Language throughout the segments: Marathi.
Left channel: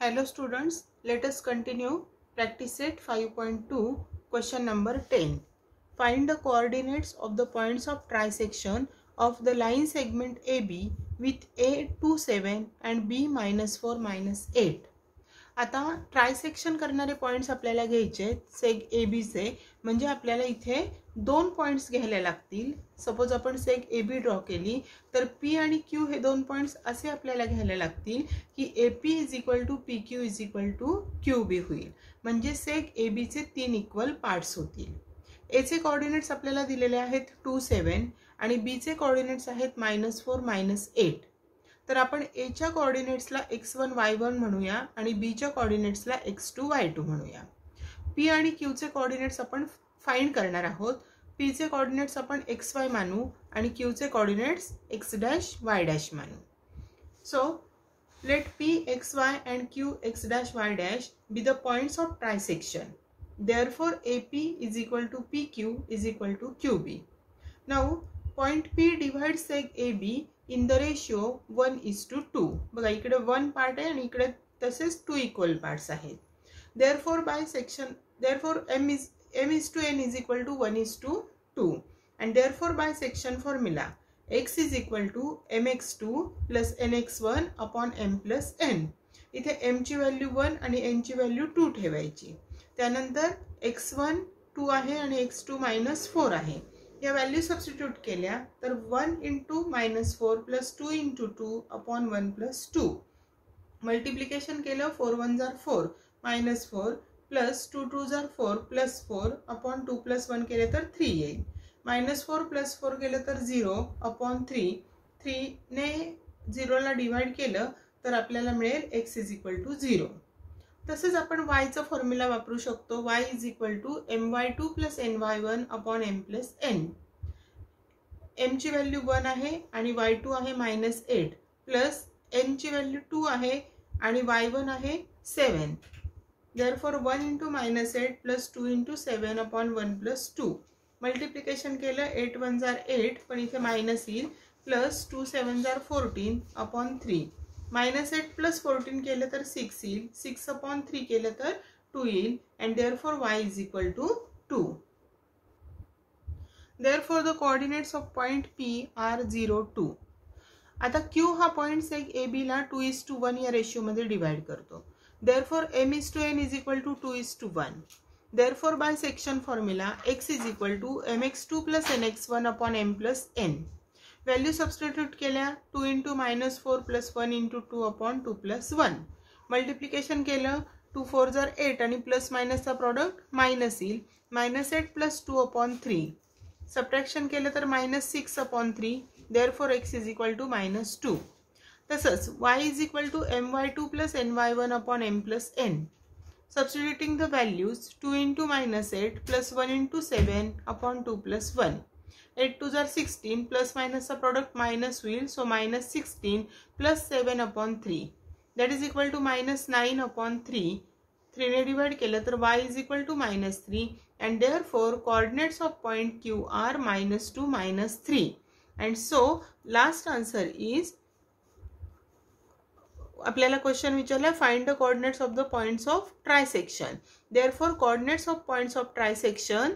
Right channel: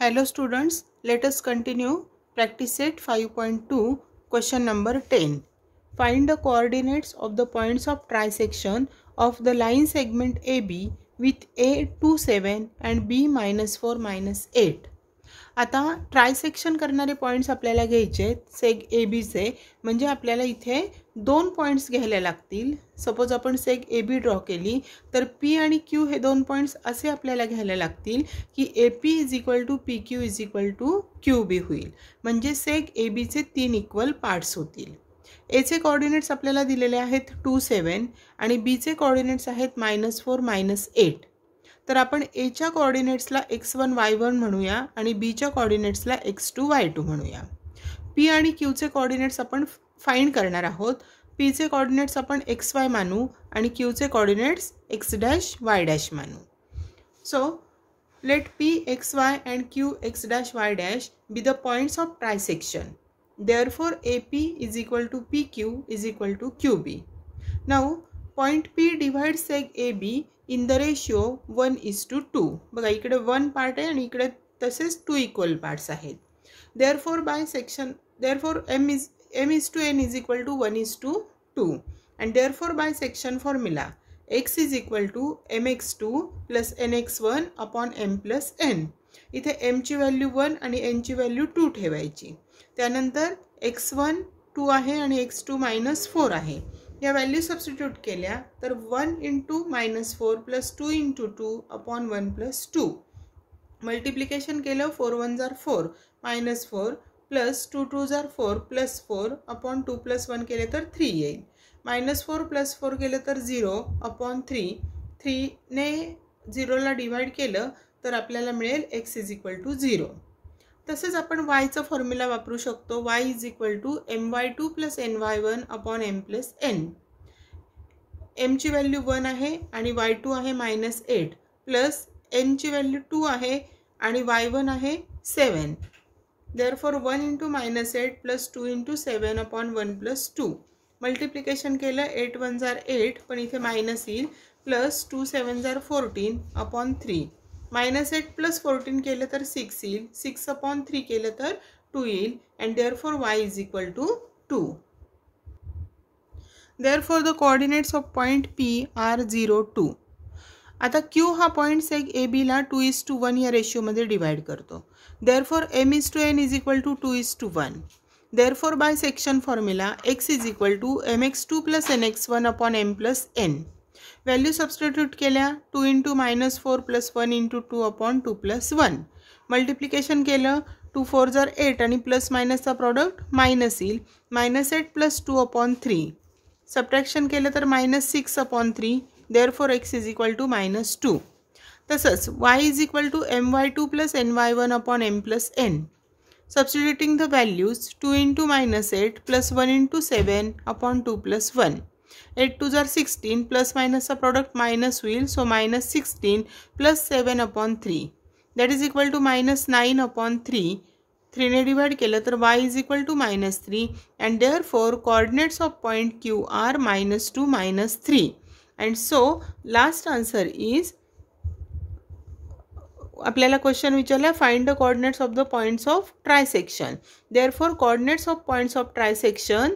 Hello students, let us continue practice set 5.2 question number 10. Find the coordinates of the points of trisection of the line segment AB with A 27 and B -4 -8. आता ट्रायसेक्शन करणारे पॉइंट्स आपल्याला घ्यायचे सेग ए बीचे, म्हणजे आपल्याला इथे दोन पॉइंट्स घ्यायला लागतील. सपोज आपण सेग ए बी ड्रॉ केली तर पी आणि क्यू हे दोन पॉइंट्स असे आपल्याला घ्यायला लागतील की A P is equal to P Q is equal to Q B होईल. म्हणजे सेग ए बीचे 3 इक्वल पार्ट्स होतील. एचे कोऑर्डिनेट्स आपल्याला दिलेले आहेत 27 आणि बीचे कोऑर्डिनेट्स आहेत -4 -8. तर आपण एच्या कोऑर्डिनेट्सला x1 y1 म्हणूया आणि बीच्या कोऑर्डिनेट्सला x2 y2 म्हणूया. पी आणि क्यूचे कोऑर्डिनेट्स आपण फाइंड करणार आहोत. पीचे कोऑर्डिनेट्स आपण xy मानू आणि क्यूचे कोऑर्डिनेट्स x' y' मानू. So let p xy and q x' y' be the points of trisection. Therefore AP is equal to PQ is equal to QB. Now point P divides seg AB in the ratio 1:2. बघा इकडे 1 पार्ट आहे आणि इकडे तसेच 2 इक्वल पार्ट्स आहेत. Therefore by section m is to n is equal to 1:2 and therefore by section formula x is equal to mx2 plus nx1 upon m plus n. इथे m ची व्हॅल्यू 1 आणि n ची व्हॅल्यू 2 ठेवायची. त्यानंतर x1 2 आहे आणि x2 -4 आहे. या व्हॅल्यू सबस्टिट्यूट केल्या तर 1 × -4 + 2 × 2 upon 1 + 2. मल्टिप्लिकेशन केलं 4 1 जार 4 -4 + 2 2 जार 4 + 4 upon 2 + 1 केले तर 3 येईल. -4 + 4 केले तर 0 upon 3. 3 ने 0 ला डिवाइड केलं तर आपल्याला मिळेल x is equal to 0. तसेच आपण y चा फॉर्म्युला वापरू शकतो. y is equal to my2 + ny1 upon m plus n. m ची व्हॅल्यू 1 आहे आणि y2 आहे -8 प्लस n ची व्हॅल्यू 2 आहे आणि y1 आहे 7. Therefore 1 × -8 + 2 × 7 upon 1 + 2. मल्टिप्लिकेशन केलं 8 1 जार 8 पण इथे मायनस येईल प्लस 2 7 जार 14 upon 3. -8 + 14 केलं तर 6 येईल. 6 upon 3 केलं तर 2 येईल and therefore y is equal to 2. Therefore the coordinates of point P are 0 2. आता Q हा पॉइंट सेग ए बी ला 2:1 या रेशियो मध्ये डिवाइड करतो. Therefore m is to n is equal to 2:1. Therefore by section formula x is equal to mx2 plus nx1 upon m plus n. Value substitute केल्या 2 × -4 + 1 × 2 upon 2 + 1. मल्टिप्लिकेशन केलं 2 4 जार 8 आणि प्लस मायनसचा प्रॉडक्ट मायनस येईल. -8 + 2 upon 3. सबट्रॅक्शन केलं तर -6 upon 3. Therefore x is equal to -2. तसंच y is equal to my2 + ny1 upon m plus n. Substituting the values 2 × -8 + 1 × 7 upon 2 + 1. 8 2 जार 16 प्लस मायनसचा प्रॉडक्ट मायनस होईल. So -16 + 7 upon 3 that is equal to -9 upon 3. 3 ने डिवाइड केलं तर y is equal to -3 and therefore coordinates of point Q are -2 -3. and so last answer is आपल्याला क्वेश्चन विचारला find the coordinates of the points of trisection. Therefore coordinates of points of trisection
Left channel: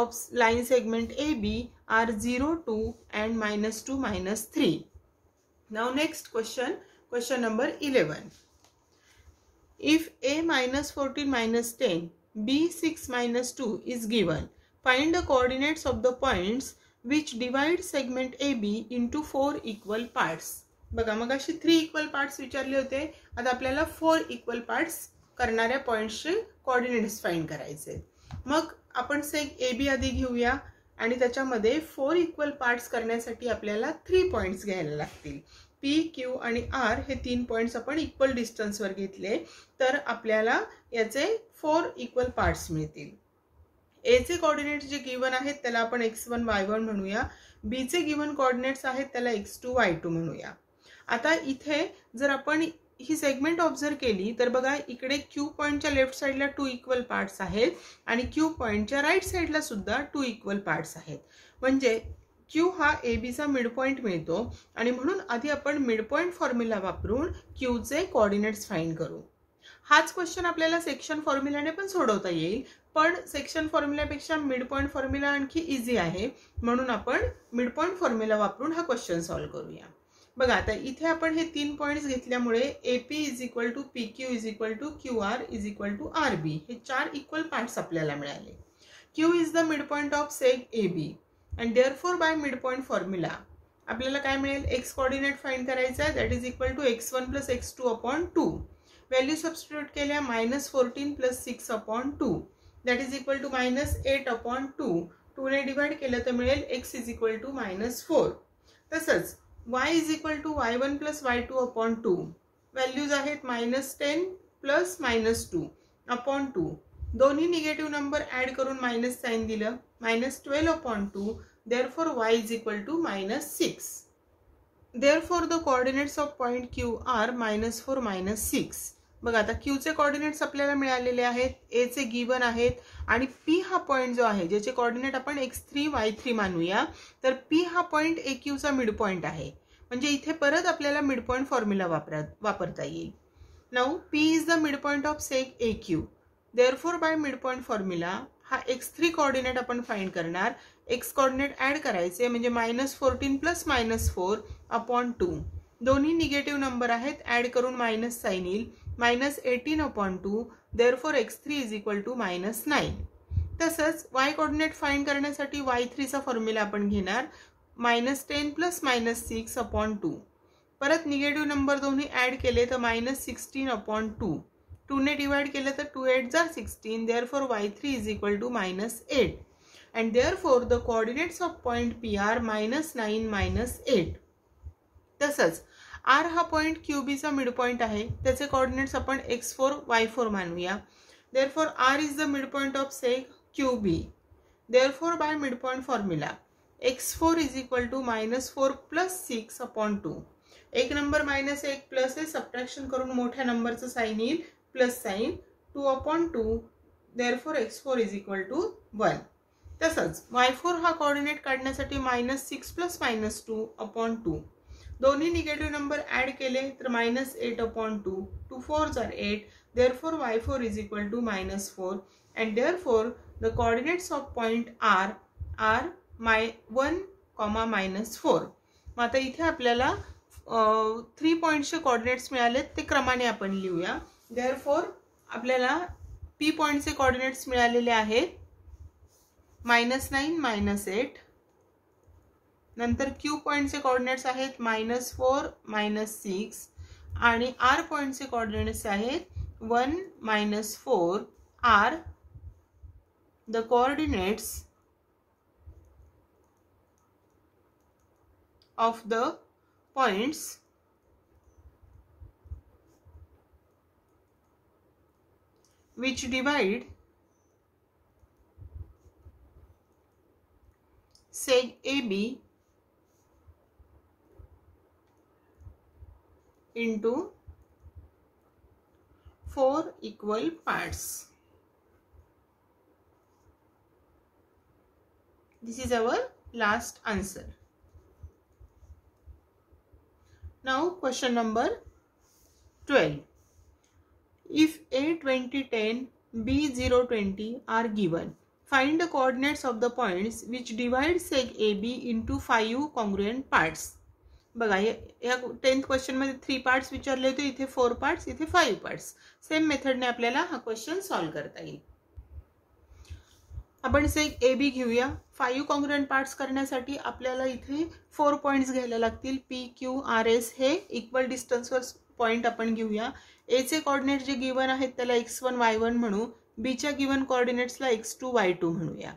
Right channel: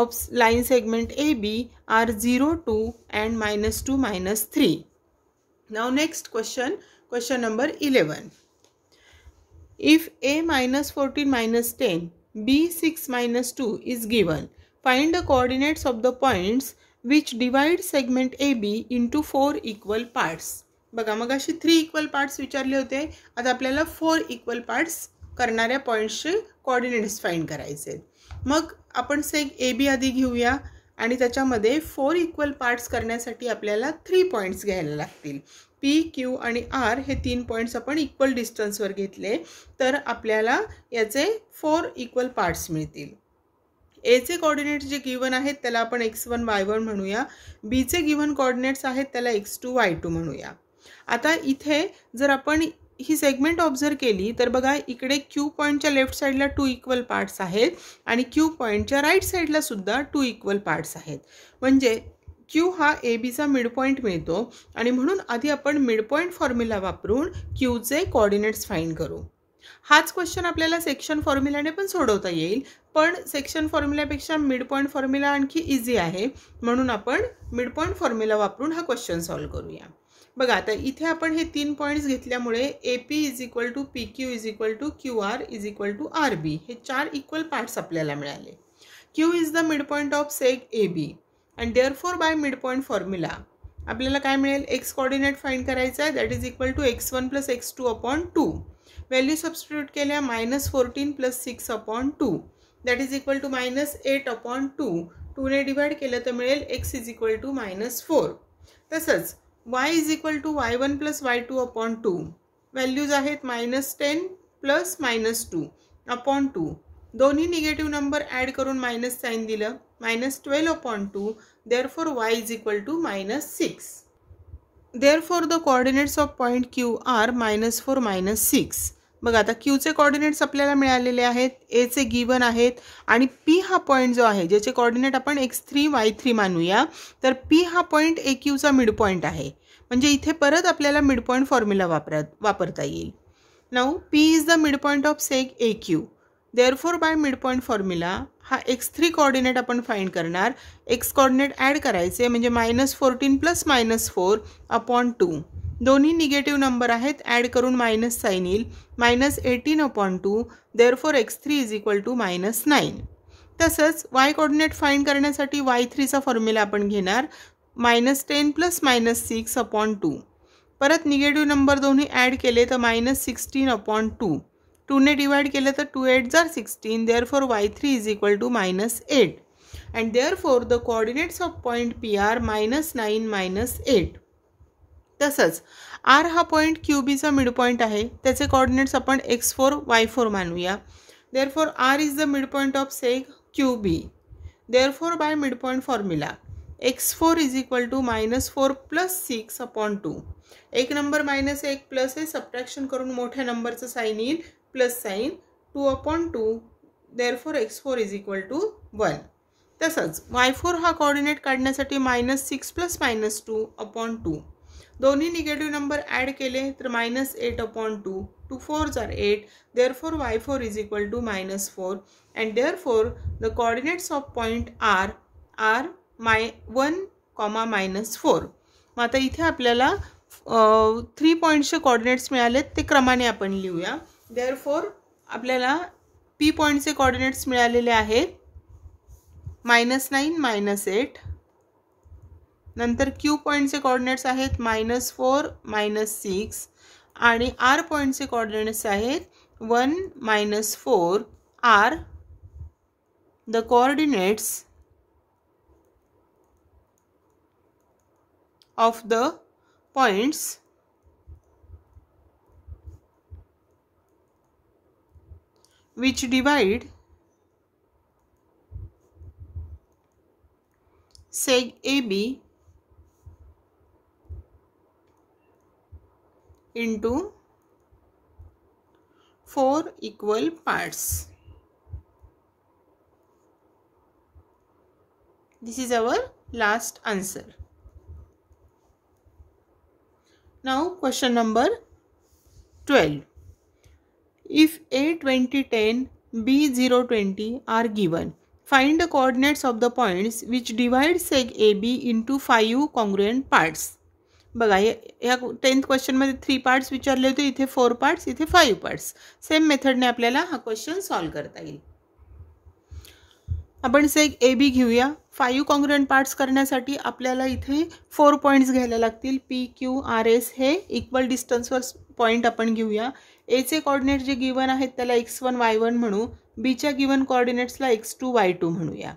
of line segment AB are 0 2 and -2 -3. Now next question number 11. If a -14 -10 b 6 -2 is given, find the coordinates of the points which divide segment AB into 4 equal parts. बघा मग अशी 3 इक्वल पार्ट्स विचारले होते. आता आपल्याला 4 इक्वल पार्ट्स करणाऱ्या पॉइंट्सचे कोऑर्डिनेट्स फाइंड करायचे. मग आपण सेग ए बी आधी घेऊया आणि त्याच्यामध्ये 4 इक्वल पार्ट्स करण्यासाठी आपल्याला 3 पॉइंट्स घ्यायला लागतील. पी क्यू आणि आर हे 3 पॉइंट्स आपण इक्वल डिस्टन्सवर घेतले तर आपल्याला याचे 4 इक्वल पार्ट्स मिळतील. एचे कोऑर्डिनेट्स जे गिवन आहेत त्याला आपण x1 y1 म्हणूया. बीचे गिवन कोऑर्डिनेट्स आहेत त्याला x2 y2 म्हणूया. आता इथे जर आपण ही सेगमेंट ऑब्झर्व केली तर बघा इकडे क्यू पॉइंटच्या लेफ्ट साइडला 2 इक्वल पार्ट्स आहेत आणि क्यू पॉइंटच्या राईट साइडला सुद्धा 2 इक्वल पार्ट्स आहेत. म्हणजे क्यू हा ए बीचा मिड पॉइंट मिळतो आणि म्हणून आधी आपण मिड पॉइंट फॉर्म्युला वापरून क्यूचे कोऑर्डिनेट्स फाइंड करू. हाच क्वेश्चन आपल्याला सेक्शन फॉर्म्युलाने पण सोडवता येईल, पण सेक्शन फॉर्म्युलापेक्षा मिड पॉईंट फॉर्म्युला आणखी इझी आहे, म्हणून आपण मिड पॉईंट फॉर्म्युला वापरून हा क्वेश्चन सॉल्व्ह करूया. बघा आता इथे आपण हे 3 पॉइंट्स घेतल्यामुळे AP is equal to PQ is equal to QR is equal to RB हे 4 इक्वल पार्ट्स आपल्याला मिळाले. Q is the mid point of seg AB and therefore by mid point formula आपल्याला काय मिळेल, एक्स कोऑर्डिनेट फाइंड करायचा आहे, that is equal to x1 plus x2 upon 2. Value substitute केल्या -14 plus 6 upon 2 that is equal to -8 upon 2. 2 ने डिवाइड केलं तर मिळेल x इज इक्वल टू -4. तसंच y is equal to y1 plus y2 upon 2. Values आहेत -10 प्लस -2 अपॉन 2. दोन्ही निगेटिव्ह नंबर ॲड करून मायनस साइन दिलं, -12 upon 2. Therefore y is equal to -6. Therefore the coordinates of point Q are -4 -6. बघा आता Qचे कोऑर्डिनेट्स आपल्याला मिळालेले आहेत, A चे गिवन आहेत आणि P हा पॉइंट जो आहे ज्याचे कोऑर्डिनेट आपण x3 y3 मानूया, तर P हा पॉइंट AQचा मिड पॉइंट आहे. म्हणजे इथे परत आपल्याला मिड पॉइंट फॉर्म्युला वापरता येईल. Now P is the mid point of सेग AQ. Therefore by mid point formula हा x3 कोऑर्डिनेट आपण फाइंड करणार, x कोऑर्डिनेट ॲड करायचे म्हणजे -14 प्लस -4 अपॉन 2. दोन्ही निगेटिव्ह नंबर आहेत, ॲड करून मायनस साइन येईल, -18 upon 2. Therefore x3 is equal to -9. तसंच y कोऑर्डिनेट फाइंड करण्यासाठी y3चा फॉर्म्युला आपण घेणार, -10 प्लस -6 अपॉन 2. परत निगेटिव्ह नंबर दोन्ही ॲड केले तर -16 अपॉन 2. 2 ने डिवाइड केलं तर 2 8 जार 16. Therefore y3 is equal to -8 and therefore the coordinates of point P are -9 -8. तसंच R हा पॉइंट QBचा मिड पॉइंट आहे, त्याचे कोऑर्डिनेट्स आपण x4 y4 मानूया. Therefore R is the mid point of seg QB. Therefore by mid point formula x4 is equal to -4 plus 6 upon 2. एक नंबर -1 प्लस आहे, सबट्रॅक्शन करून मोठ्या नंबरचं साइन येईल, plus sign 2 upon 2. Therefore x4 is equal to 1. तसंच y4 हा कोऑर्डिनेट काढण्यासाठी -6 प्लस -2 अपॉन 2. दोन्ही निगेटिव्ह नंबर ॲड केले तर -8 अपॉन 2. 2 4 जार 8. Therefore y4 is equal to -4 and therefore the coordinates of point R are 1, -4. मग आता इथे आपल्याला 3 पॉईंट्सचे कोऑर्डिनेट्स मिळालेत, ते क्रमाने आपण लिहूया. देअरफॉर आपल्याला P पॉईंटचे कोऑर्डिनेट्स मिळालेले आहेत -9 -8. नंतर Q पॉईंटचे कोऑर्डिनेट्स आहेत -4 -6 आणि R पॉईंटचे कोऑर्डिनेट्स आहेत 1 -4. R the coordinates of the points which divide seg AB into 4 equal parts. This is our last answer. Now question number 12. If A 20 10 B 0 20 are given, find the coordinates of the points which divide seg AB into 5 congruent parts. बघा या 10th क्वेश्चन मध्ये 3 पार्ट्स विचारले होते, इथे 4 पार्ट्स, इथे 5 पार्ट्स. सेम मेथडने आपल्याला हा क्वेश्चन सॉल्व्ह करता येईल. आपण सेग AB घेऊया. 5 कॉन्ग्रुएंट पार्ट्स करण्यासाठी आपल्याला इथे 4 पॉइंट्स घ्यायला लागतील. P Q R S हे इक्वल डिस्टन्सवर पॉइंट आपण घेऊया. A चे कोऑर्डिनेट जे गिवन आहेत त्याला x1 y1 म्हणू, B च्या गिवन कोऑर्डिनेट्सला x2 y2 म्हणूया.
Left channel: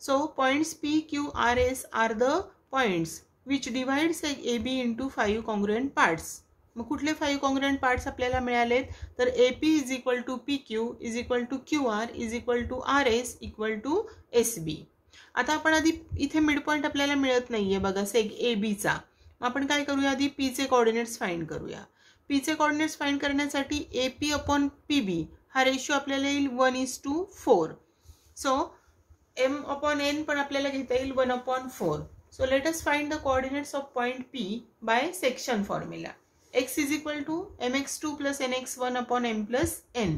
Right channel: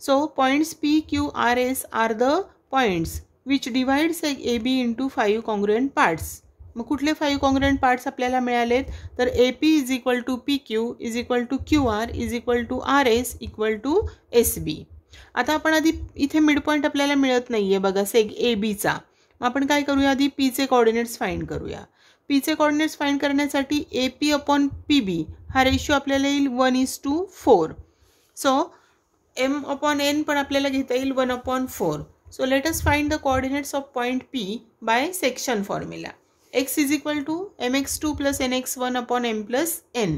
So points P Q R S are the points which divide seg AB into 5 congruent parts. मग कुठले 5 कॉन्ग्रुएंट पार्ट्स आपल्याला मिळालेत, तर AP is equal to PQ is equal to QR is equal to RS equal to SB. आता आपण आधी इथे मिड पॉइंट आपल्याला मिळत नाहीये बघा सेग ABचा. मग आपण काय करूया, आधी P चे कोऑर्डिनेट्स फाइंड करूया. P चे कोऑर्डिनेट्स फाइंड करण्यासाठी AP अपॉन PB हा रेशिओ आपल्याला येईल 1:4. सो M अपॉन N पण आपल्याला घेता येईल 1/4. So let us find the coordinates of point P by section formula. x is equal to mx2 plus nx1 upon m plus n.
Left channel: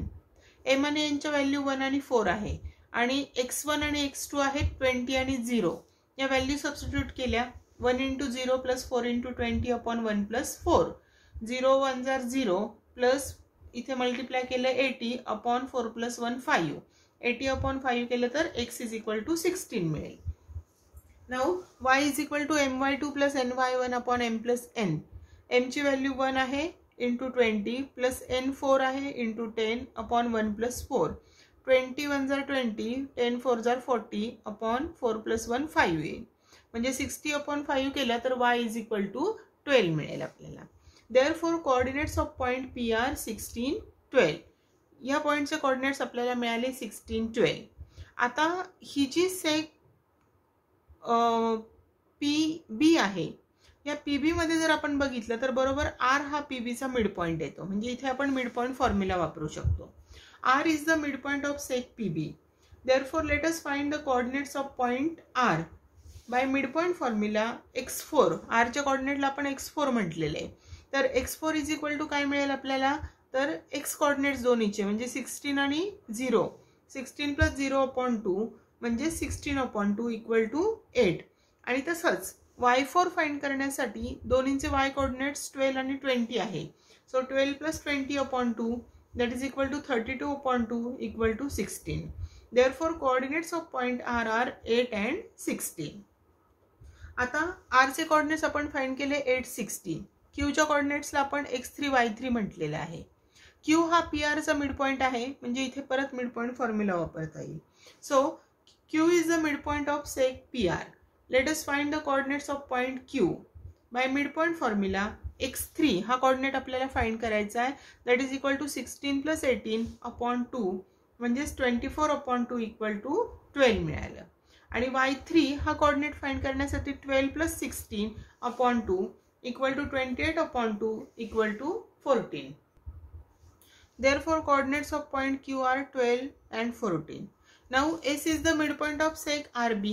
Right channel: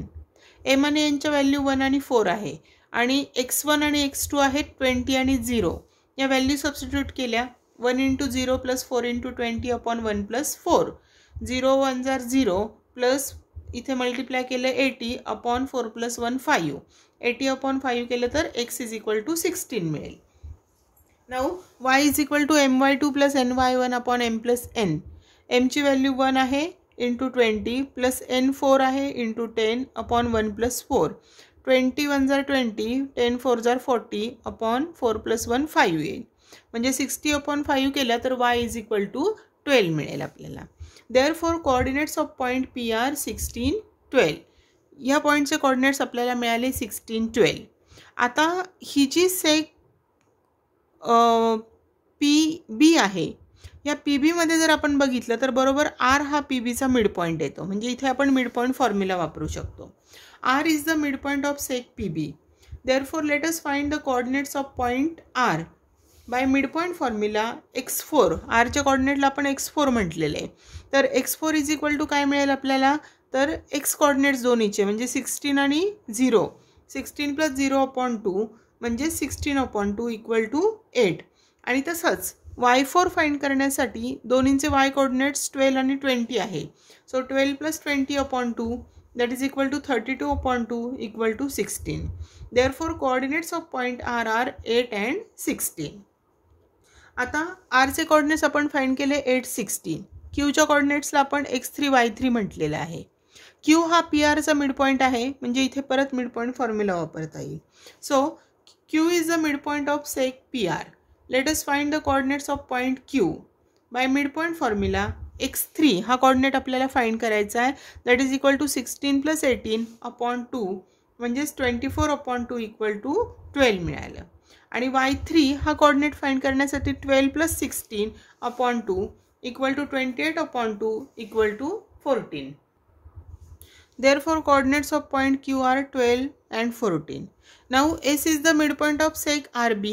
m आणि n च्या व्हॅल्यू 1 आणि 4 आहे आणि x1 आणि x2 आहेत 20 आणि 0. या व्हॅल्यू सबस्टिट्यूट केल्या 1 into 0 plus 4 into 20 upon 1 plus 4. 0 1 जार 0 प्लस इथे मल्टिप्लाय केलं 80 अपॉन 4 प्लस 1 5. 80 अपॉन 5 केलं तर x इज इक्वल टू 16 मिळेल. Now y is equal to my2 plus ny1 upon m plus n. m ची व्हॅल्यू 1 आहे इंटू 20 प्लस n 4 आहे इंटू 10 अपॉन 1 प्लस 4. 20 1 जार 20, 10 4 जार 40 अपॉन 4 प्लस 1 5 येईल. म्हणजे 60 अपॉन 5 केला तर y इज इक्वल टू 12 मिळेल आपल्याला. Therefore coordinates of point P are 16, 12. ह्या पॉईंटचे कोऑर्डिनेट्स आपल्याला मिळाले 16, 12. आता ही जी सेक PB आहे, या PB मध्ये जर आपण बघितलं तर बरोबर R हा PB चा मिड पॉइंट येतो. म्हणजे इथे आपण मिड पॉइंट फॉर्म्युला वापरू शकतो. R is the midpoint of sec PB. Therefore let us find the coordinates of point R. By midpoint formula x4, r च्या कोऑर्डिनेटला आपण x4 म्हटलेले आहे. तर x4 इज इक्वल टू काय मिळेल आपल्याला, तर x कोऑर्डिनेट्स दोन्हीचे म्हणजे 16 आणि 0. 16 प्लस 0 अपॉन 2 म्हणजे 16 अपॉन 2 इक्वल टू 8. आणि तसंच y4 फाइंड करण्यासाठी दोन्हींचे y कोऑर्डिनेट्स 12 आणि 20 आहे. So 12 plus 20 upon 2 that is equal to 32 upon 2 equal to 16. Therefore coordinates of point R are 8 and 16. आता R चे कोऑर्डिनेट्स आपण फाइंड केले 8, 16. Q च्या कोऑर्डिनेट्सला आपण x3, y3 म्हटलेलं आहे. Q हा PR चा मिड पॉइंट आहे म्हणजे इथे परत मिड पॉइंट फॉर्म्युला वापरता येईल. So Q is the midpoint of sec PR. Let us find the coordinates of point Q. By midpoint formula x3 हा कोऑर्डिनेट आपल्याला फाइंड करायचा आहे. That is equal to 16 plus 18 upon 2 म्हणजेच 24 अपॉन 2 इक्वल टू 12 मिळालं. आणि y3 हा कोऑर्डिनेट फाइंड करण्यासाठी 12 plus 16 upon 2 equal to 28 upon 2 equal to 14. Therefore coordinates of point Q are 12 and 14. Now S is the midpoint of sec RB.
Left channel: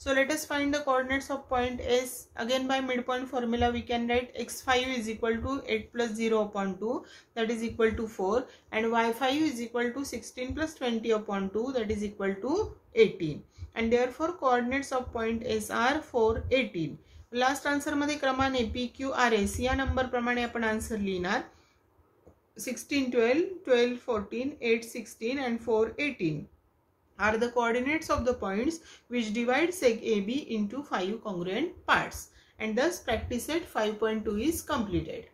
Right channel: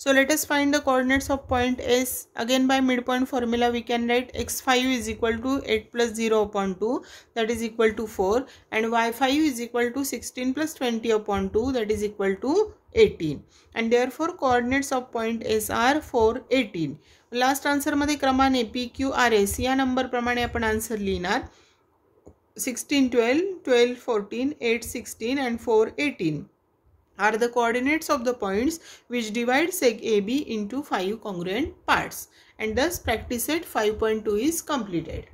So let us find the coordinates of point S. Again by midpoint formula we can write x5 is equal to 8 plus 0 upon 2 that is equal to 4 and y5 is equal to 16 plus 20 upon 2 that is equal to 18. And therefore coordinates of point S are 4, 18. Last answer मध्ये क्रमाने PQRS या नंबर प्रमाणे आपण आन्सर लिहिणार. 16, 12, 12, 14, 8, 16 and 4, 18. Are the coordinates of the points which divide sec AB into 5 congruent parts, and thus practice set 5.2 is completed.